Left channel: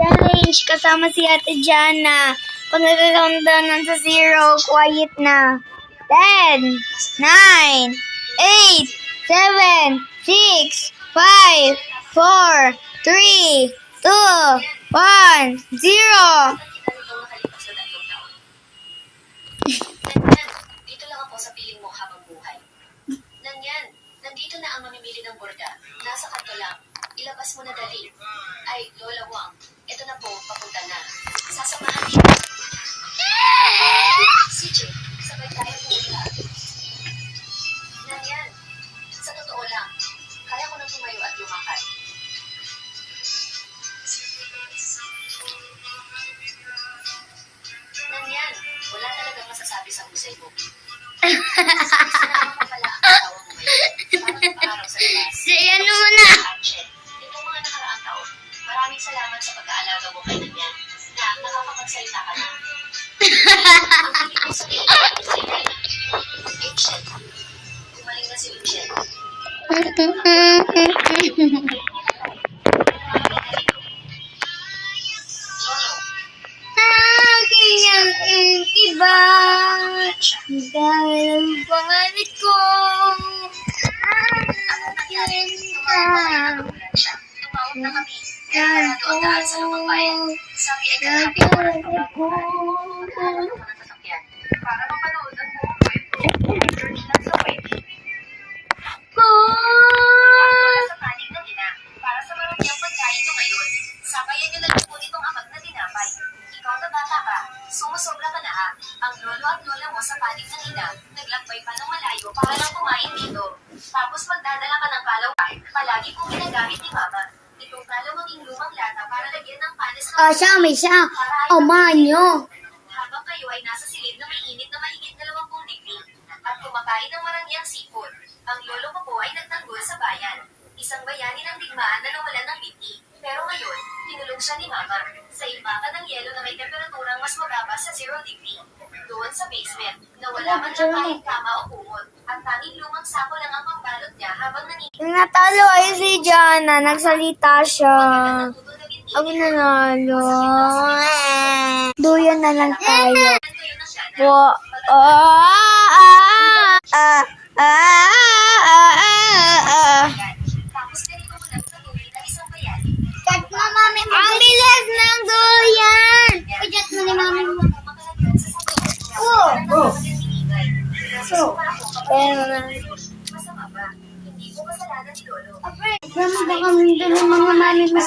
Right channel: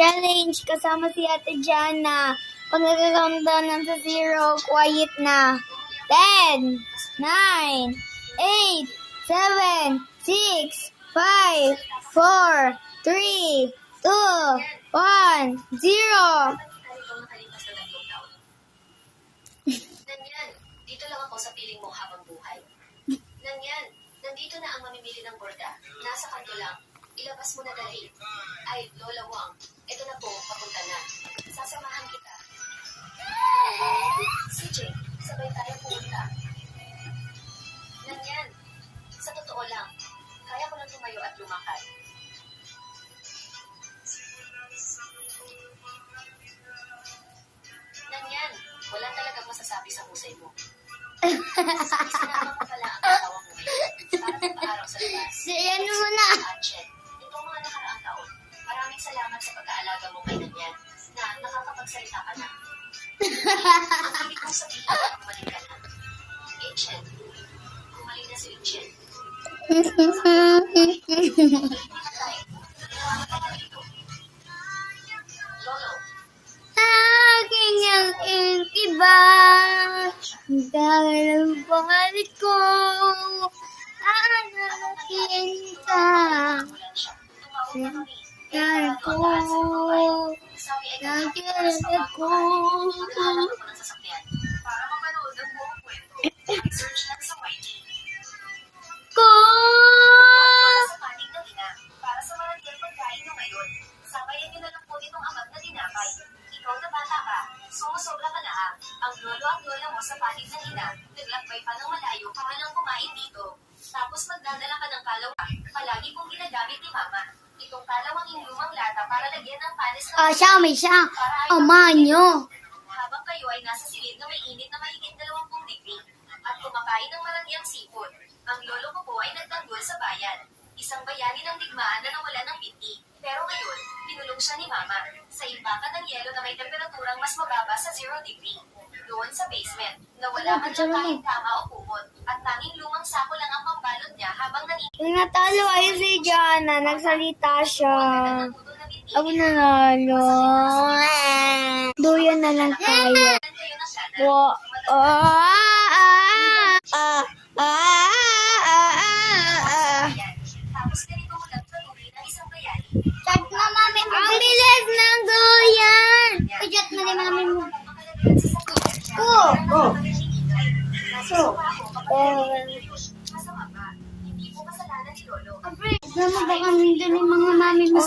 Challenge kasama si Ate Jana. Pag nag-countdown ng sa 0, quiet na. 10, 9, 8, 7, 6, 5, 4, 3, 2, 1, 0. Dito lang ako sa piling mo habang buhay. Nanyan, nandito na ang mamimili ng borda. Nasa kanto lang. Ilabas mo na dali. Ay, Lola Wang, ito na po, papunta na. Sasamahan dito. CJ, sabay tayo pumunta. Nanyan, sa totoo lang, kaya ko nang tumayo at lumakad. Nanyan, wala talagang masasabi sa husay mo. Isa naman ko pala ang tawag mo ngayon. Para magpa-araw sa labas. Ano mo na? Archet, itong mga nakaraang taon, maraming salamat sa pag-aalaga mo kay Nanyan na nakakapagsalita ka na. Ang ibig kong sabihin sa inay na, Ancient, kumaling na si Ancient. Lolo, Iba. Dahil ang pangalit ko. nagulat siya. Tumawag na kami. Kaya doon daan sa lumang bayan. Sabi ay kalahapit oras na bago maghanap ako ng sasakyan. Para mapanood ang buong kwento, search lang sa wiki. Sa panig na ina, para sa maramiang pagkain mo ngayon, sabayan nyo na lang po itong amag na tinapay. Ikaw na bata ka, sumusobra ka na ha. Ang lolo at lola mo sa panig ng ina, naglakbay pa ng malayo para lang kumain dito. Tapos magdadala ka ng kalawan, palagi pong ginagamit ni mama. Itong kalawanging lumang lata para lagyan ng panis ng May siya. Manyo. habang kayo ay nasa silid na may init na mahigit 20 degree at kumakain ng marangyang seafood. Ang lolo ko po ay nagtanggol sa bayan. Isang bayani ng digmaan na nawalan ng biti. Pero ngayon, tinulong siya ni mama sa imbakan ng yelo na may temperaturang mas mababa sa 0 degree. Doon sa basement, na wala man lang kahit kama o kumot at tanging lumang sako lang ang pambalot niya habang Natalo ay si Jana. Nagsalita siya. Ako nanalo. Duyo na lang tayo. Po. Tapos ganito mo lang patuloy na isang bayani. Chat mo, mami. Ang bilis ng duyan. Chat mo ni mami mo. Masama ba? Hindi ko kasalanan ni Lolo. Dami ba kami doon ng mga mami mo?